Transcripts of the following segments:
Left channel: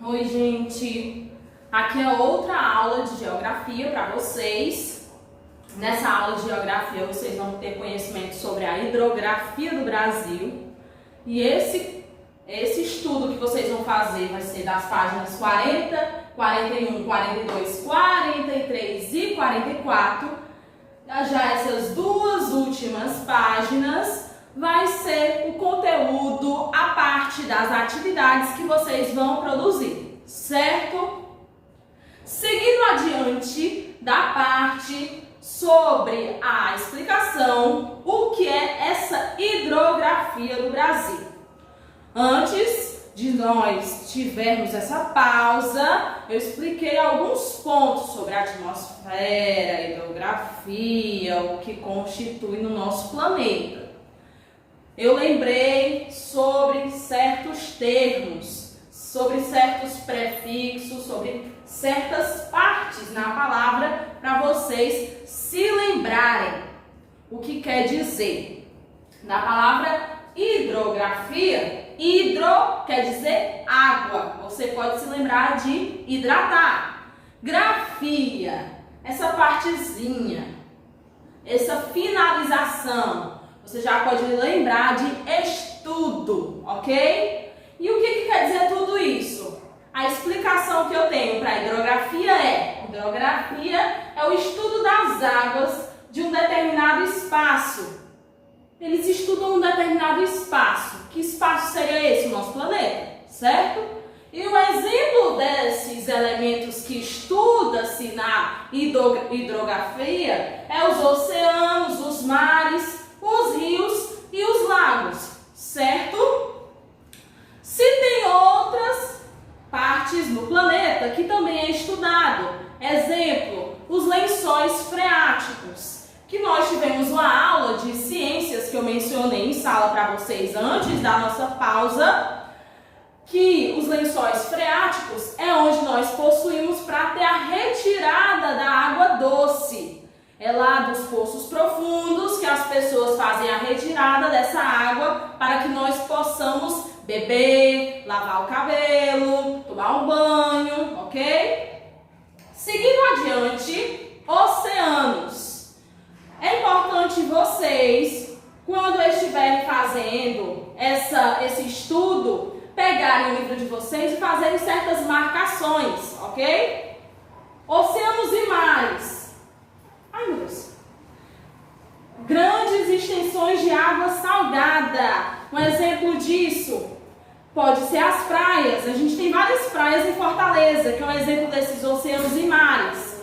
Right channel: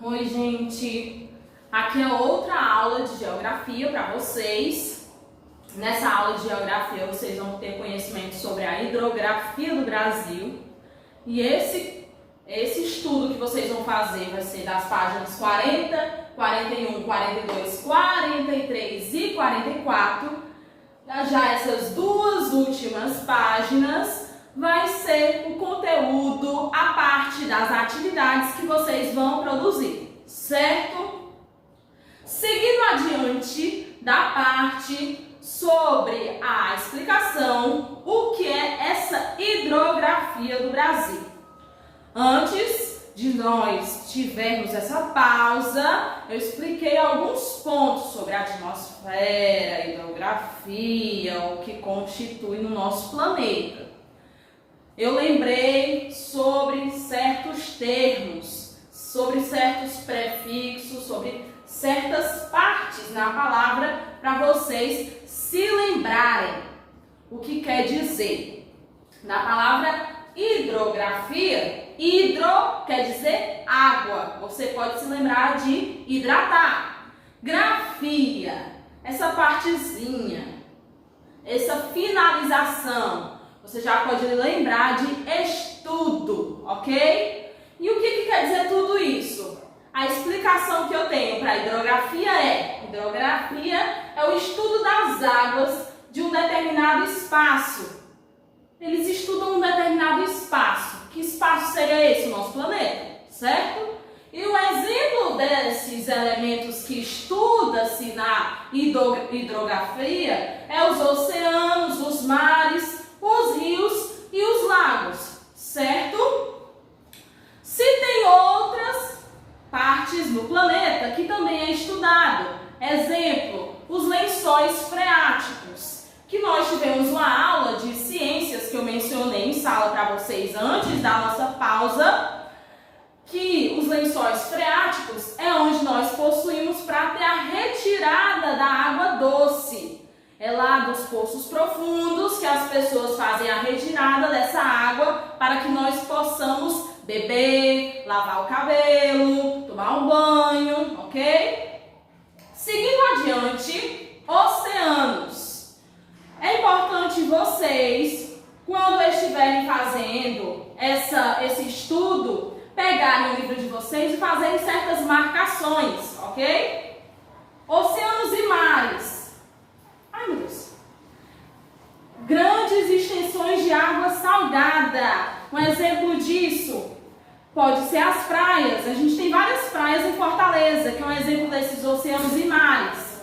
Oi, gente! Aqui é outra aula de geografia para vocês. Nessa aula de geografia vocês vão ter conhecimento sobre a hidrografia do Brasil. E esse estudo que vocês vão fazer vai ser das páginas 40, 41, 42, 43 e 44. Já essas duas últimas páginas vai ser o conteúdo, a parte das atividades que vocês vão produzir, certo? Seguindo adiante da parte sobre a explicação, o que é essa hidrografia do Brasil. Antes de nós tivermos essa pausa, eu expliquei alguns pontos sobre a atmosfera, a hidrografia, o que constitui no nosso planeta. Eu lembrei sobre certos termos, sobre certos prefixos, sobre certas partes na palavra para vocês se lembrarem o que quer dizer. Na palavra hidrografia, hidro quer dizer água, você pode se lembrar de hidratar. Grafia, essa partezinha, essa finalização, você já pode lembrar de estudo, ok? E o que quer dizer tudo isso? A explicação que eu tenho para a hidrografia é: hidrografia é o estudo das águas de um determinado espaço. Eles estudam um determinado espaço. Que espaço seria esse? O nosso planeta, certo? E um exemplo desses elementos que estuda-se na hidrografia é os oceanos, os mares, os rios e os lagos, certo? Se tem outras partes no planeta que também é estudado, exemplo, os lençóis freáticos, que nós tivemos uma aula de ciências que eu mencionei em sala para vocês antes da nossa pausa, que os lençóis freáticos é onde nós possuímos para ter a retirada da água doce. É lá dos poços profundos que as pessoas fazem a retirada dessa água para que nós possamos beber, lavar o cabelo, tomar um banho, ok? Seguindo adiante, oceanos. É importante vocês, quando estiverem fazendo esse estudo, pegarem o livro de vocês e fazerem certas marcações, ok? Oceanos e mares. Ai, meu Deus. Grandes extensões de água salgada. Um exemplo disso pode ser as praias. A gente tem várias praias em Fortaleza, que é um exemplo desses oceanos e mares.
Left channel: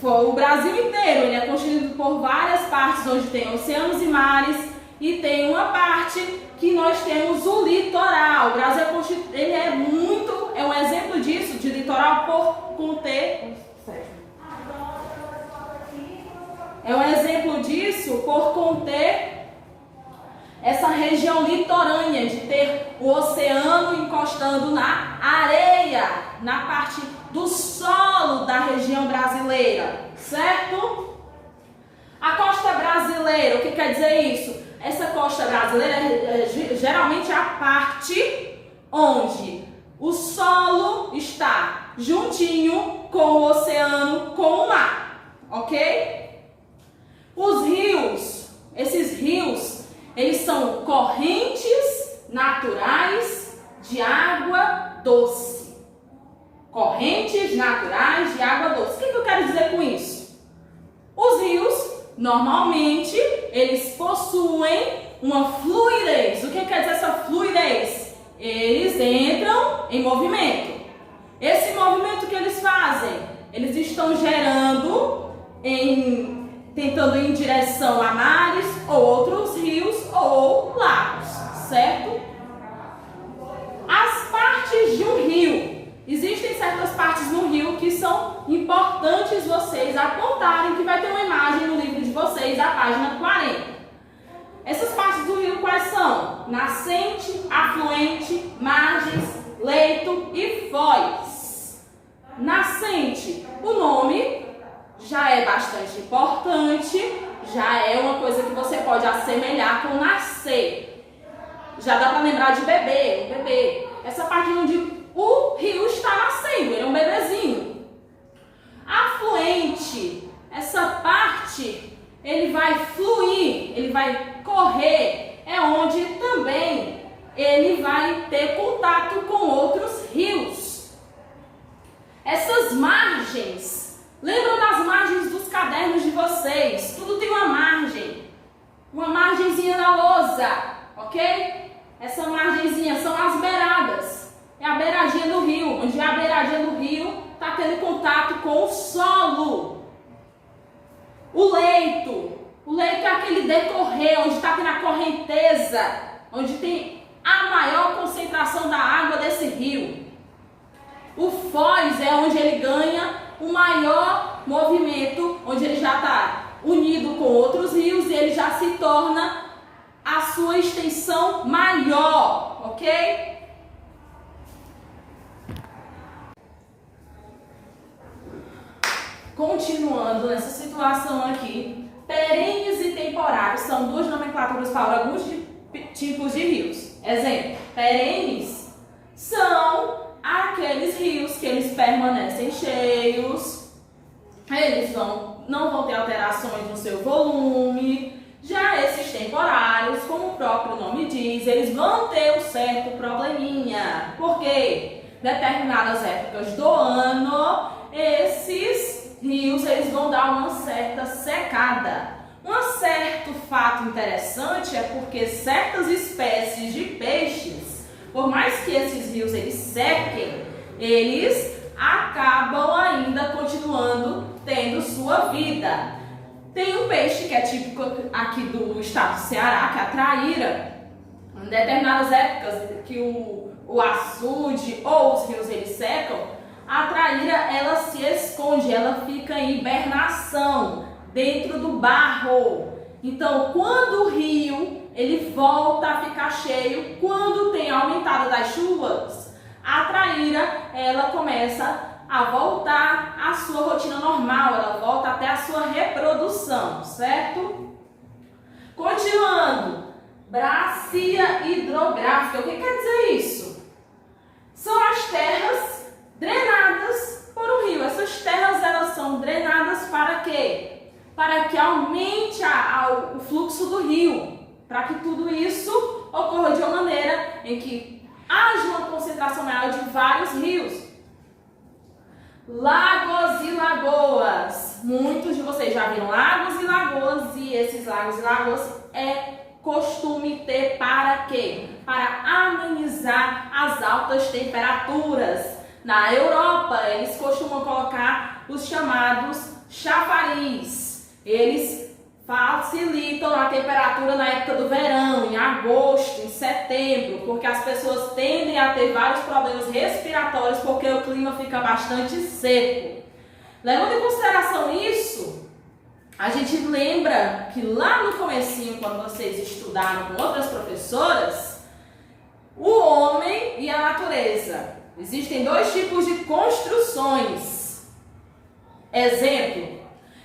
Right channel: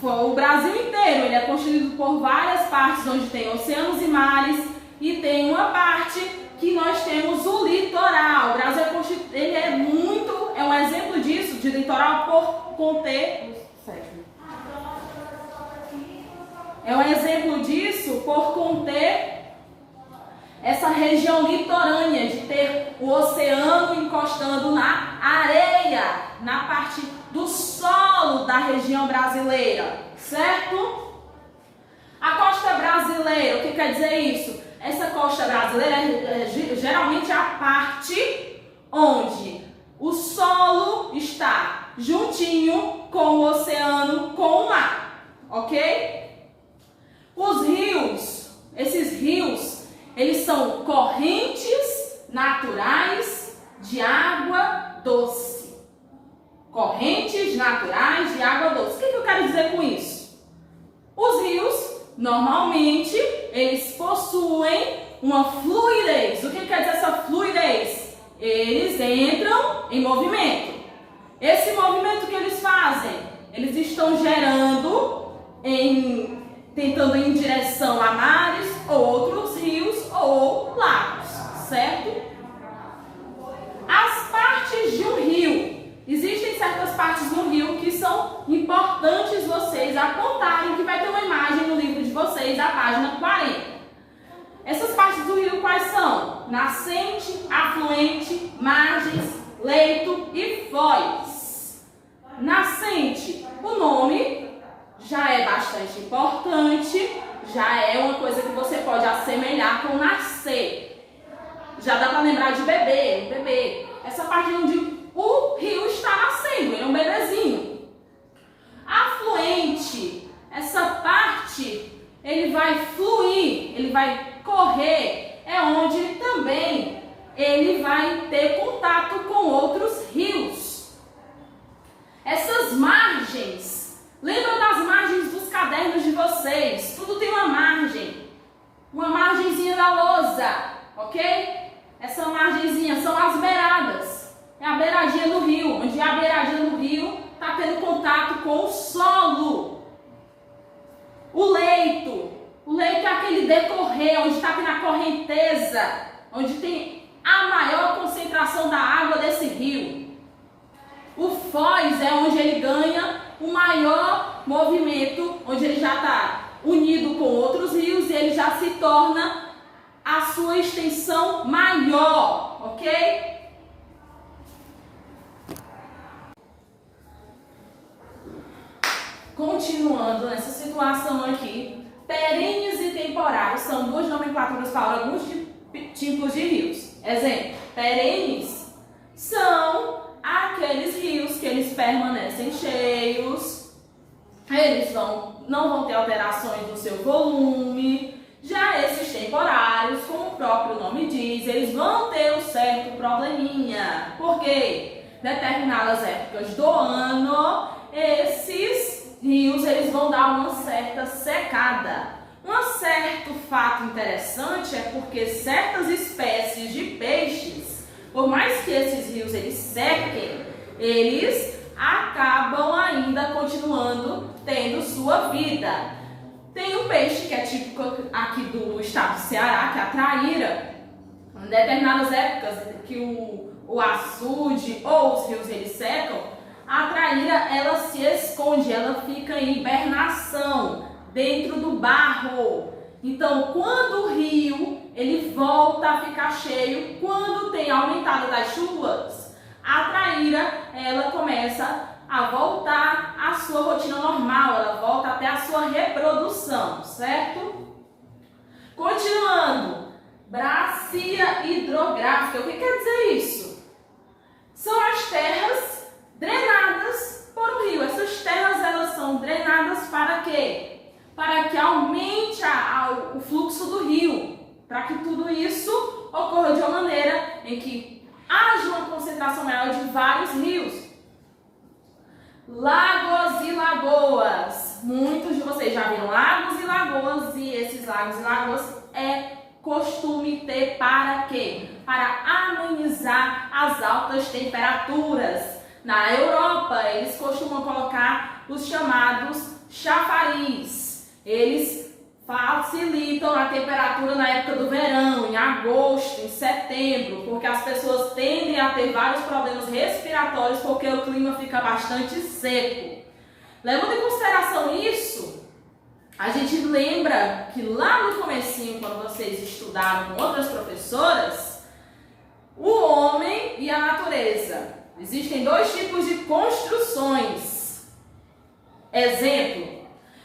O Brasil inteiro ele é constituído por várias partes onde tem oceanos e mares, e tem uma parte que nós temos o litoral. O Brasil é um exemplo disso, de litoral por conter. É um exemplo disso por conter essa região litorânea, de ter o oceano encostando na areia, na parte do solo da região brasileira, certo? A costa brasileira, o que quer dizer isso? Essa costa brasileira geralmente é a parte onde o solo está juntinho com o oceano, com o mar, ok? Os rios, esses rios, eles são correntes naturais de água doce. Correntes naturais de água doce. O que eu quero dizer com isso? Os rios, normalmente, eles possuem uma fluidez. O que quer dizer essa fluidez? Eles entram em movimento. Esse movimento que eles fazem, eles estão tentando ir em direção a mares ou outros rios ou lagos, certo? As partes de um rio. Existem certas partes no rio que são importantes vocês apontarem, que vai ter uma imagem no livro de vocês, da página 40. Essas partes do rio quais são? Nascente, afluente, margens, leito e foz. Nascente, o nome já é bastante importante, já é uma coisa que você pode assemelhar com nascer. Já dá para lembrar de bebê, um bebê. Essa parte onde o rio com o solo. O leito é aquele decorrer, onde está na correnteza, onde tem a maior concentração da água desse rio. O foz é onde ele ganha o maior movimento, onde ele já está unido com outros rios e ele já se torna a sua extensão maior, ok? Continuando nessa situação aqui, perenes e temporários são duas nomenclaturas para alguns tipos de rios. Exemplo, perenes são aqueles rios que eles permanecem cheios, eles não vão ter alterações no seu volume. Já esses temporários, como o próprio nome diz, eles vão ter um certo probleminha, porque determinadas épocas do ano, esses rios eles vão dar uma certa secada. Um certo fato interessante é porque certas espécies de peixes, por mais que esses rios eles sequem, eles acabam ainda continuando tendo sua vida. Tem um peixe que é típico aqui do estado do Ceará, que é a traíra. Em determinadas épocas que o açude ou os rios eles secam, a traíra ela se esconde, ela fica em hibernação dentro do barro. Então, quando o rio ele volta a ficar cheio, quando tem aumentada das chuvas, a traíra ela começa a voltar à sua rotina normal, ela volta até a sua reprodução, certo? Continuando, bacia hidrográfica, o que quer dizer isso? São as terras drenadas por um rio. Essas terras elas são drenadas para quê? Para que aumente o fluxo do rio, para que tudo isso ocorra de uma maneira em que haja uma concentração maior de vários rios. Lagos e lagoas. Muitos de vocês já viram lagos e lagoas, e esses lagos e lagoas é costume ter para quê? Para amenizar as altas temperaturas. Na Europa, eles costumam colocar os chamados chafariz. Eles facilitam a temperatura na época do verão, em agosto, em setembro, porque as pessoas tendem a ter vários problemas respiratórios porque o clima fica bastante seco. Levando em consideração isso, a gente lembra que lá no comecinho, quando vocês estudaram com outras professoras, o homem e a natureza. Existem dois tipos de construções. Exemplo,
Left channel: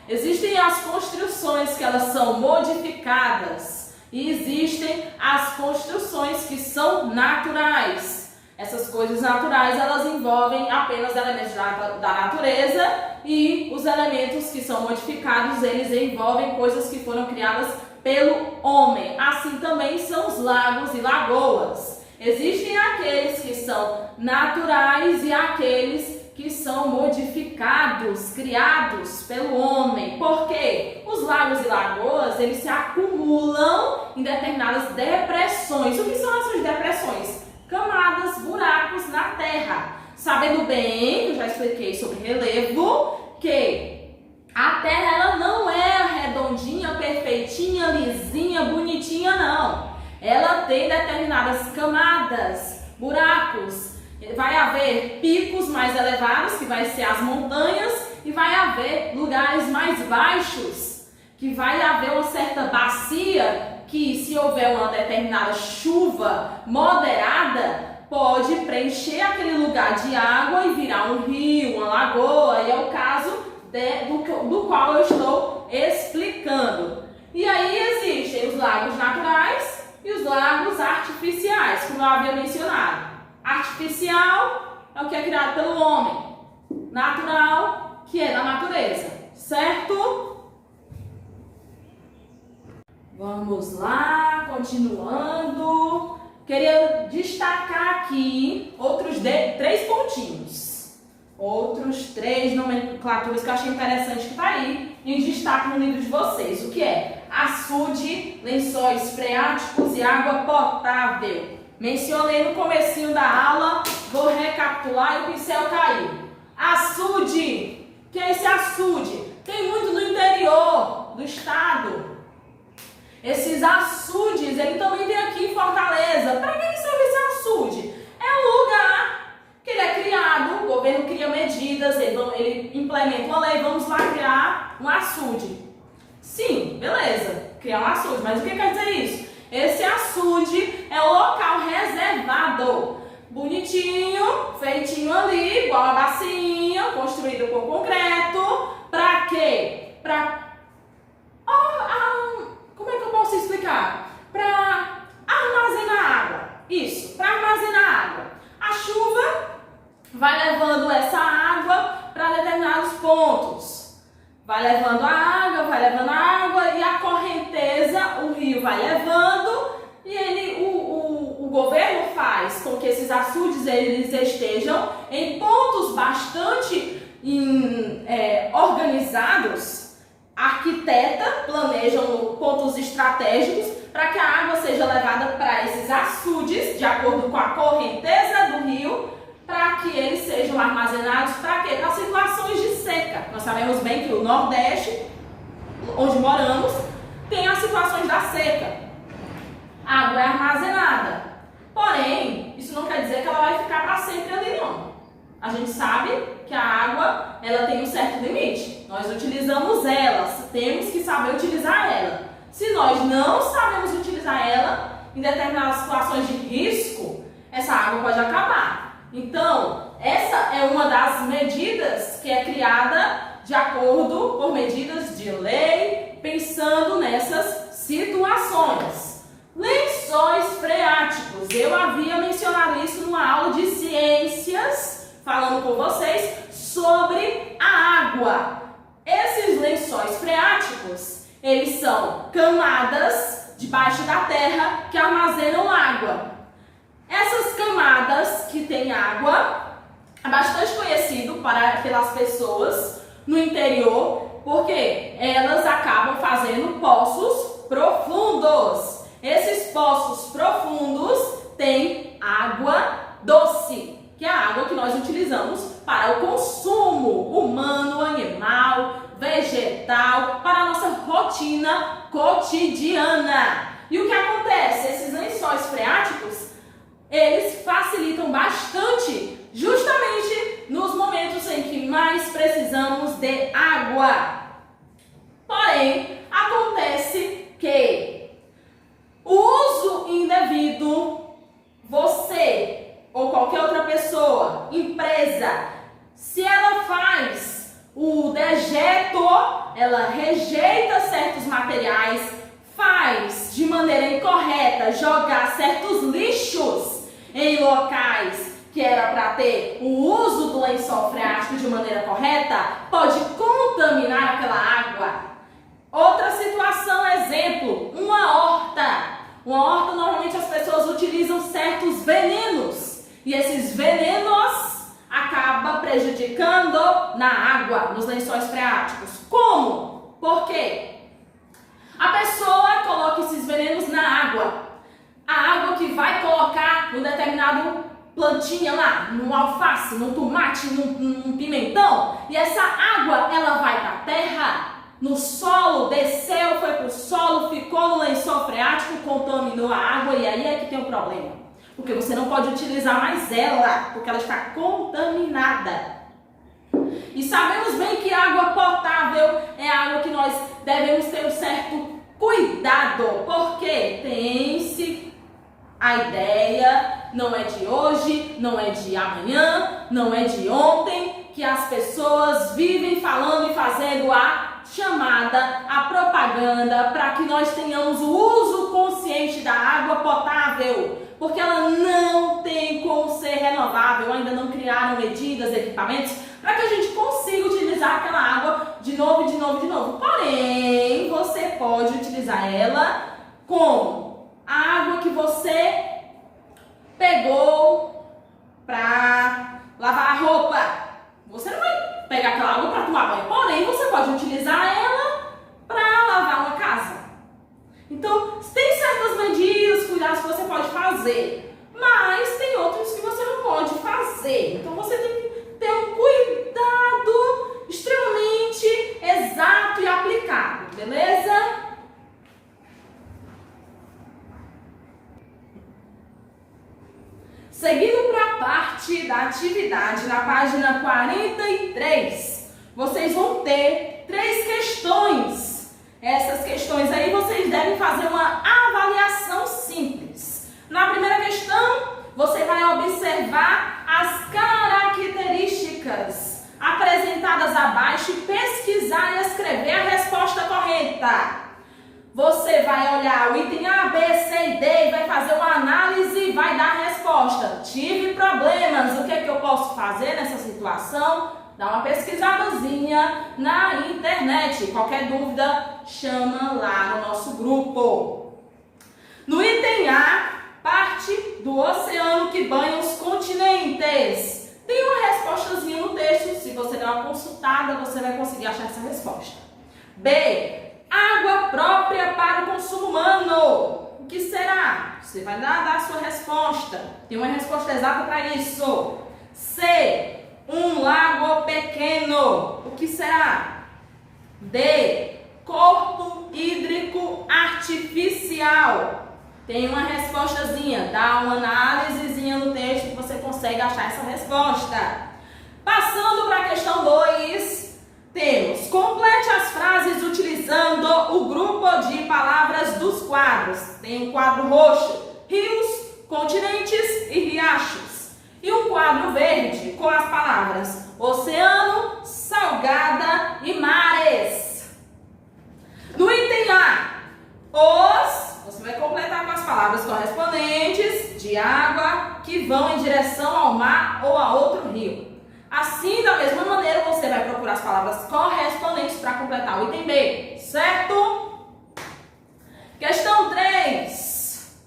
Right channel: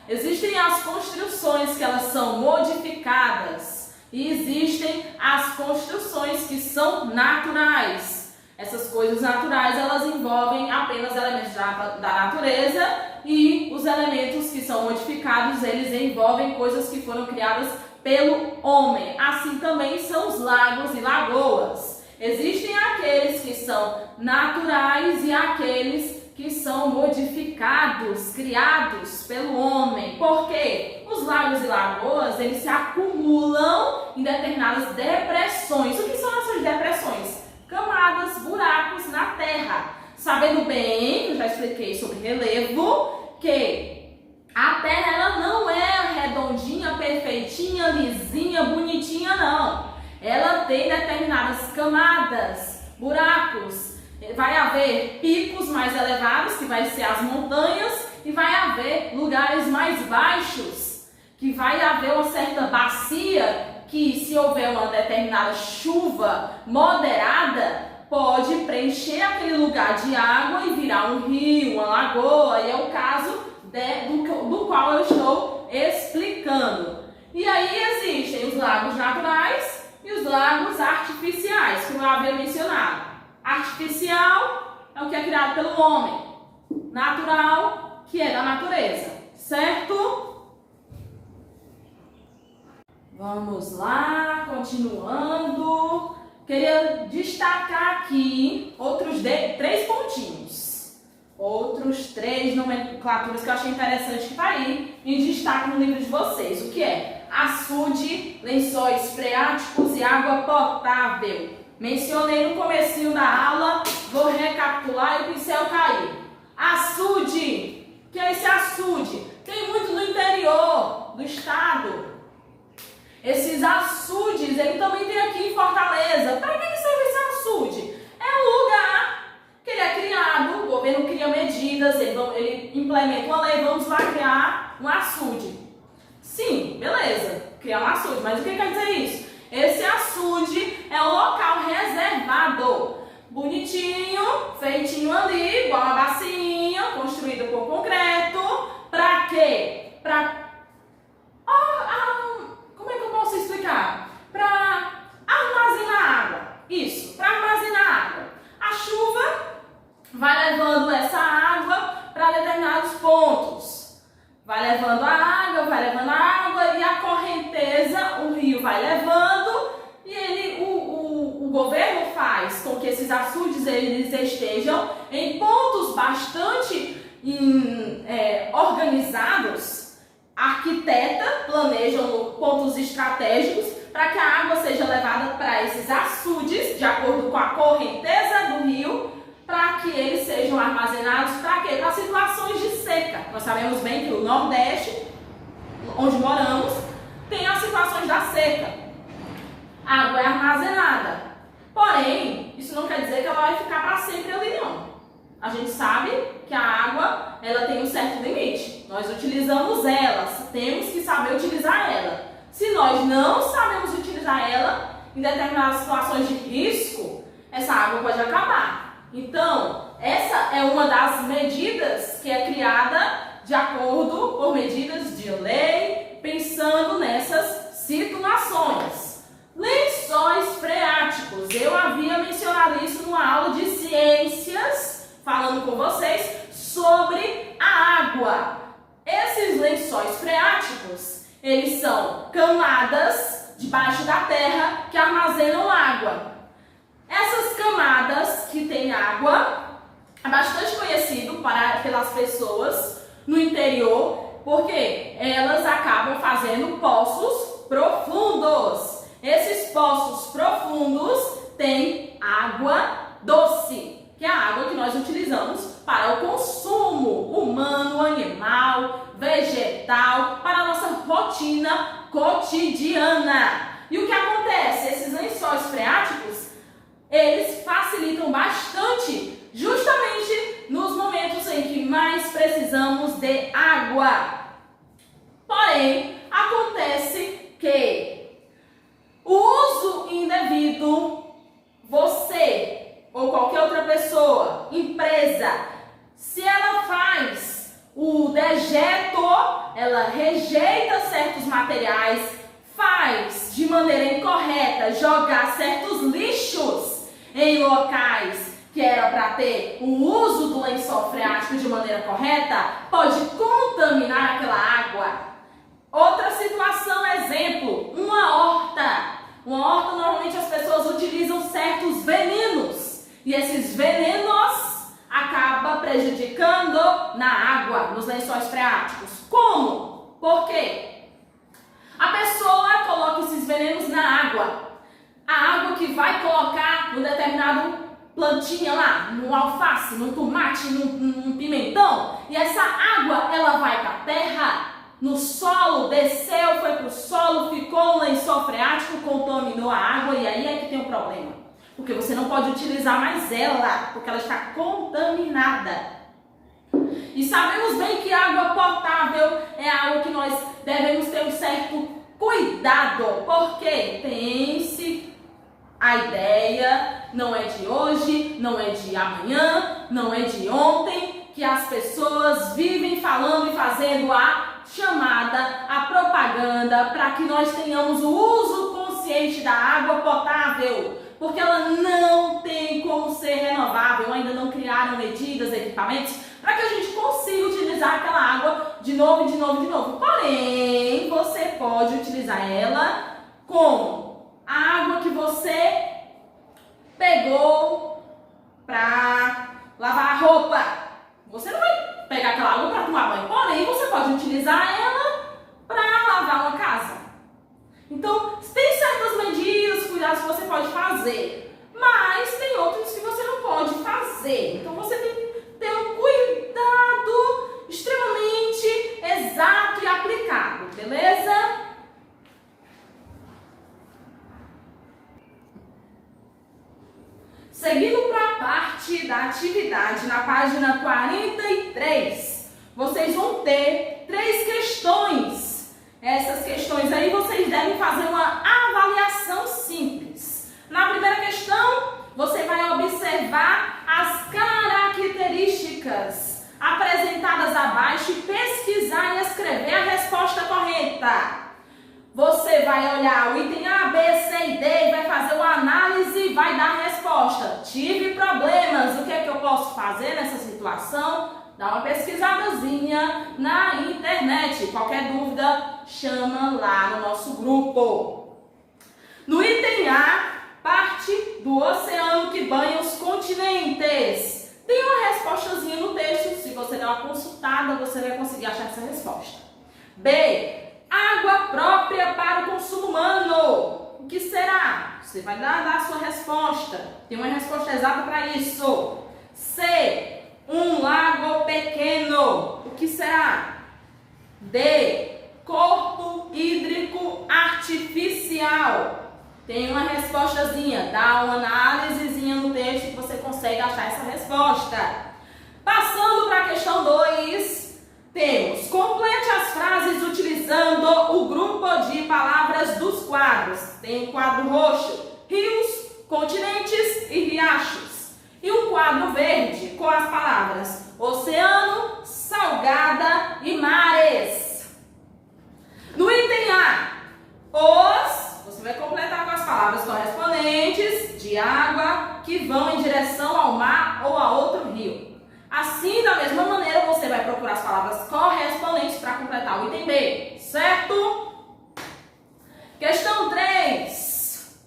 existem as construções que elas são modificadas e existem as construções que são naturais. Essas coisas naturais, elas envolvem apenas elementos da natureza, e os elementos que são modificados, eles envolvem coisas que foram criadas pelo homem. Assim também são os lagos e lagoas. Existem aqueles que são naturais e aqueles que são modificados, criados pelo homem. Por quê? Os lagos e lagoas, eles se acumulam em determinadas depressões. O que são essas depressões? Camadas, buracos na terra. Sabendo bem, eu já expliquei sobre relevo, que a terra ela não é redondinha, perfeitinha, lisinha, bonitinha, não. Ela tem determinadas camadas, buracos. Vai haver picos mais elevados, que vai ser as montanhas, e vai haver lugares mais baixos, que vai haver uma certa bacia, que se houver uma determinada chuva moderada, pode preencher aquele lugar de água e virar um rio, uma lagoa, e é o caso do qual eu estou explicando. E aí existem os lagos naturais e os lagos artificiais, como eu havia mencionado. Artificial é o que é criado pelo homem, natural, que é da natureza, certo? Vamos lá, continuando. Queria destacar aqui outros 3 pontinhos. Outros 3 nomenclaturas que eu achei interessante que tá aí em destaque no livro de vocês. O que é? Açude, lençóis freáticos e água potável. Mencionei no comecinho da aula, vou recapitular e o pincel caiu. Açude que é esse açude? Tem muito no interior do estado. Esses açudes, ele também tem aqui em Fortaleza. Para que serve esse açude? É um lugar que ele é criado, o governo cria medidas, ele implementa uma lei, vamos lá criar um açude. Sim, beleza, criar um açude, mas o que quer dizer isso? Esse açude é o local reservado, bonitinho, feitinho ali, igual uma bacinha, construído com concreto. Pra quê? Como é que eu posso explicar? Pra armazenar água. Isso, pra armazenar água. A chuva vai levando essa água para determinados pontos. Vai levando a água e a correnteza, o rio vai levando e o governo faz com que esses açudes eles estejam em pontos bastante organizados. Arquiteta planejam pontos estratégicos para que a água seja levada para esses açudes de acordo com a correnteza do rio, para que eles sejam armazenados para quê? Para situações de seca. Nós sabemos bem que o Nordeste, onde moramos, tem as situações da seca. A água é armazenada. Porém, isso não quer dizer que ela vai ficar para sempre ali, não. A gente sabe que a água, ela tem um certo limite. Nós utilizamos ela, temos que saber utilizar ela. Se nós não sabemos utilizar ela, em determinadas situações de risco, essa água pode acabar. Então, essa é uma das medidas que é criada de acordo por medidas de lei, pensando nessas situações. Lençóis freáticos. Eu havia mencionado isso numa aula de ciências, falando com vocês sobre a água. Esses lençóis freáticos, eles são camadas debaixo da terra que armazenam água. Essas camadas que têm água é bastante conhecido pelas pessoas no interior, porque elas acabam fazendo poços profundos. Esses poços profundos têm água doce, que é a água que nós utilizamos para o consumo humano, animal, vegetal, para a nossa rotina cotidiana. E o que acontece? Esses lençóis freáticos, eles facilitam bastante justamente nos momentos em que mais precisamos de água. Porém, acontece que o uso indevido, você ou qualquer outra pessoa, empresa, se ela faz o dejeto, ela rejeita certos materiais, faz de maneira incorreta jogar certos lixos em locais que era para ter o uso do lençol freático de maneira correta, pode contaminar aquela água. Outra situação, exemplo, uma horta. Uma horta, normalmente as pessoas utilizam certos venenos. E esses venenos acabam prejudicando na água, nos lençóis freáticos. Como? Por quê? A pessoa coloca esses venenos na água. A água que vai colocar no determinado plantinha lá, no alface, no tomate, no pimentão. E essa água, ela vai para a terra, no solo, desceu, foi para o solo, ficou no lençol freático, contaminou a água. E aí é que tem um problema. Porque você não pode utilizar mais ela, porque ela está contaminada. E sabemos bem que água potável é água que nós devemos ter um certo cuidado, porque tem-se a ideia, não é de hoje, não é de amanhã, não é de ontem, que as pessoas vivem falando e fazendo a chamada, a propaganda, para que nós tenhamos o uso consciente da água potável, porque ela não tem como ser renovável, ainda não criaram medidas, equipamentos, para que a gente consiga utilizar aquela água de novo, de novo, de novo. Porém, você pode utilizar ela com a água que você pegou para lavar a roupa. Você não vai pegar aquela água para tomar banho, porém, você pode utilizar ela para lavar uma casa. Então, tem certas medidas, cuidados que você pode fazer, mas tem outros que você não pode fazer. Então, você tem que ter um cuidado extremamente da atividade, na página 43, vocês vão ter 3 questões. Essas questões aí vocês devem fazer uma avaliação simples. Na primeira questão, você vai observar as características apresentadas abaixo e pesquisar e escrever a resposta correta. Você vai olhar o item A, B, C e D e vai fazer uma análise e vai dar a resposta. Tive problemas, o que é que eu posso fazer nessa situação? Dá uma pesquisadazinha na internet. Qualquer dúvida, chama lá no nosso grupo. No item A, parte do oceano que banha os continentes. Tem uma respostazinha no texto. Se você der uma consultada, você vai conseguir achar essa resposta. B, água própria para o consumo humano. O que será? Você vai dar a sua resposta. Tem uma resposta exata para isso. C, um lago pequeno. O que será? D, corpo hídrico artificial. Tem uma respostazinha. Dá uma análisezinha no texto que você consegue achar essa resposta. Passando para a questão 2. Temos, complete as frases utilizando o grupo de palavras dos quadros. Tem um quadro roxo, rios, continentes e riachos. E um quadro verde com as palavras oceano, salgada e mares. No item A, você vai completar com as palavras correspondentes de água que vão em direção ao mar ou a outro rio. Assim, da mesma maneira, você vai procurar as palavras correspondentes para completar o item B, certo? Questão 3.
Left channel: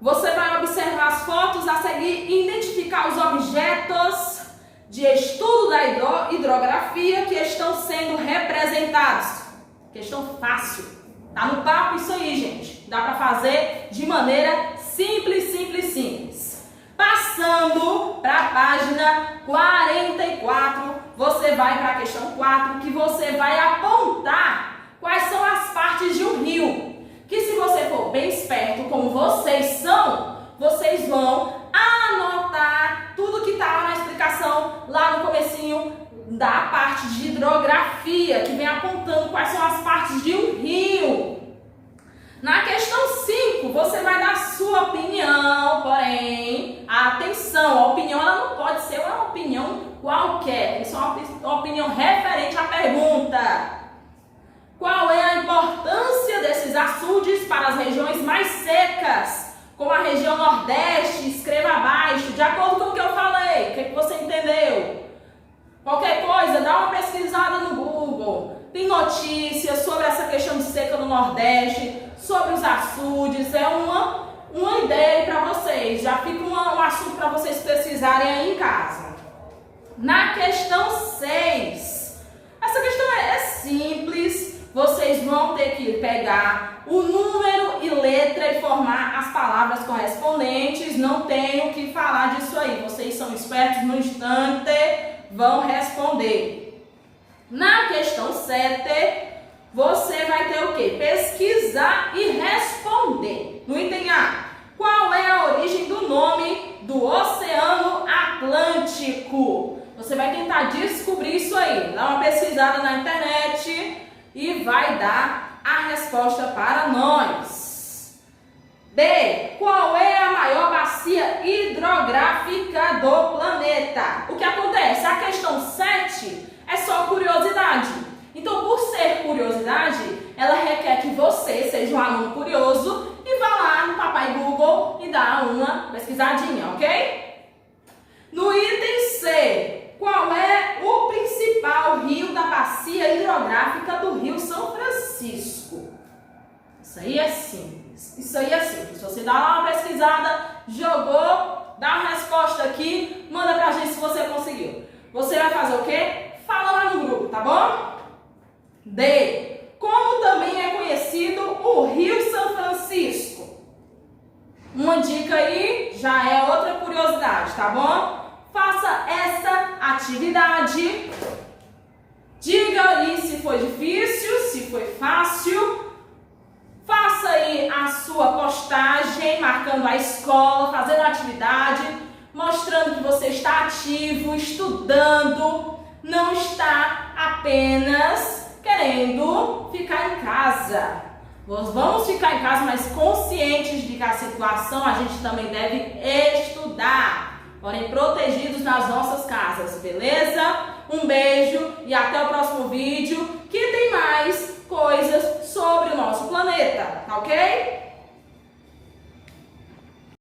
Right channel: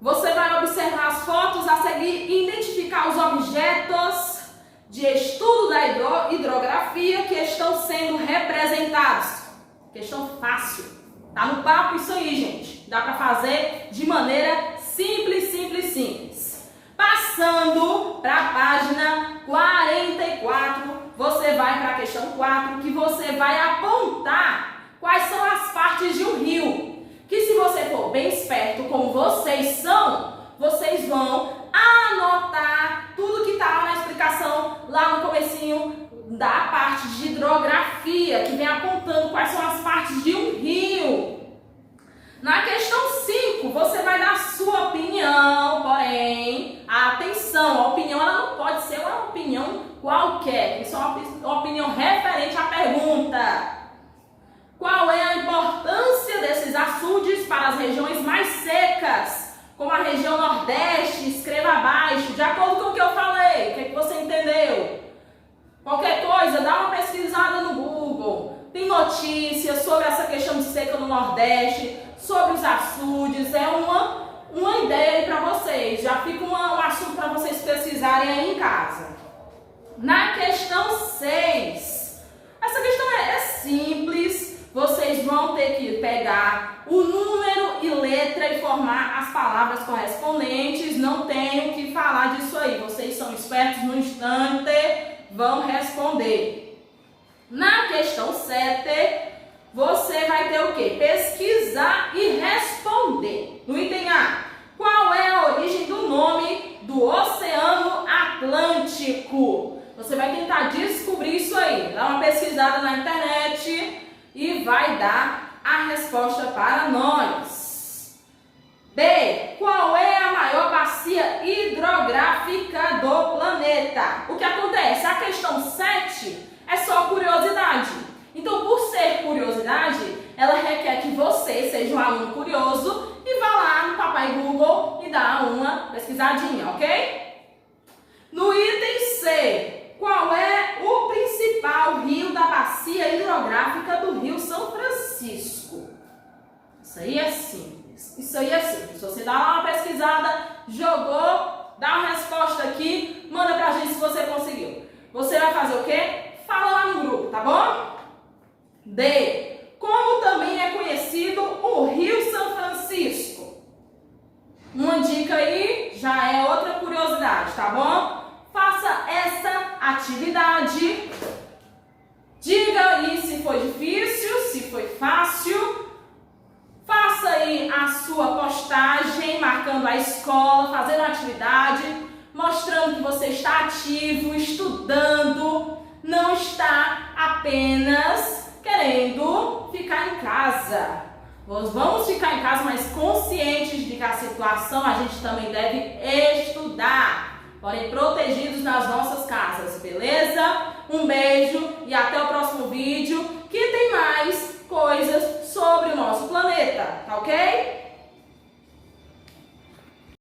Você vai observar as fotos a seguir e identificar os objetos de estudo da hidrografia que estão sendo representados. Questão fácil. Tá no papo isso aí, gente. Dá para fazer de maneira simples. Passando para a página 44, você vai para a questão 4, que você vai apontar quais são as partes de um rio. Que se você for bem esperto, como vocês são, vocês vão anotar tudo que está lá na explicação, lá no comecinho da parte de hidrografia, que vem apontando quais são as partes de um rio. Na questão 5, você vai dar a sua opinião, porém, atenção, a opinião ela não pode ser uma opinião qualquer, tem que ser uma opinião referente à pergunta. Qual é a importância desses açudes para as regiões mais secas, como a região Nordeste? Escreva abaixo, de acordo com o que eu falei, o que você entendeu? Qualquer coisa, dá uma pesquisada no Google. Tem notícias sobre essa questão de seca no Nordeste, sobre os açudes, é uma ideia para vocês. Já fica um assunto para vocês pesquisarem aí em casa. Na questão 6, essa questão é simples. Vocês vão ter que pegar o número e letra e formar as palavras correspondentes. Não tenho que falar disso aí. Vocês são espertos, no instante vão responder. Na questão 7, você vai ter o quê? Pesquisar e responder. No item A, qual é a origem do nome do Oceano Atlântico? Você vai tentar descobrir isso aí. Dá uma pesquisada na internet e vai dar a resposta para nós. B, qual é a maior bacia hidrográfica do planeta? O que acontece? A questão 7 é só curiosidade. Então, por ser curiosidade, ela requer que você seja um aluno curioso e vá lá no Papai Google e dá uma pesquisadinha, ok? No item C, qual é o principal rio da bacia hidrográfica do Rio São Francisco? Isso aí é simples. Se você dá lá uma pesquisada, jogou, dá uma resposta aqui, manda pra gente se você conseguiu. Você vai fazer o quê? Fala lá no grupo, tá bom? D, como também é conhecido o Rio São Francisco? Uma dica aí, já é outra curiosidade, tá bom? Faça essa atividade. Diga aí se foi difícil, se foi fácil. Faça aí a sua postagem, marcando a escola, fazendo a atividade. mostrando que você está ativo, estudando, não está apenas querendo ficar em casa. Vamos ficar em casa, mas conscientes de que a situação a gente também deve estudar, porém protegidos nas nossas casas, beleza? Um beijo e até o próximo vídeo, que tem mais coisas sobre o nosso planeta, tá ok?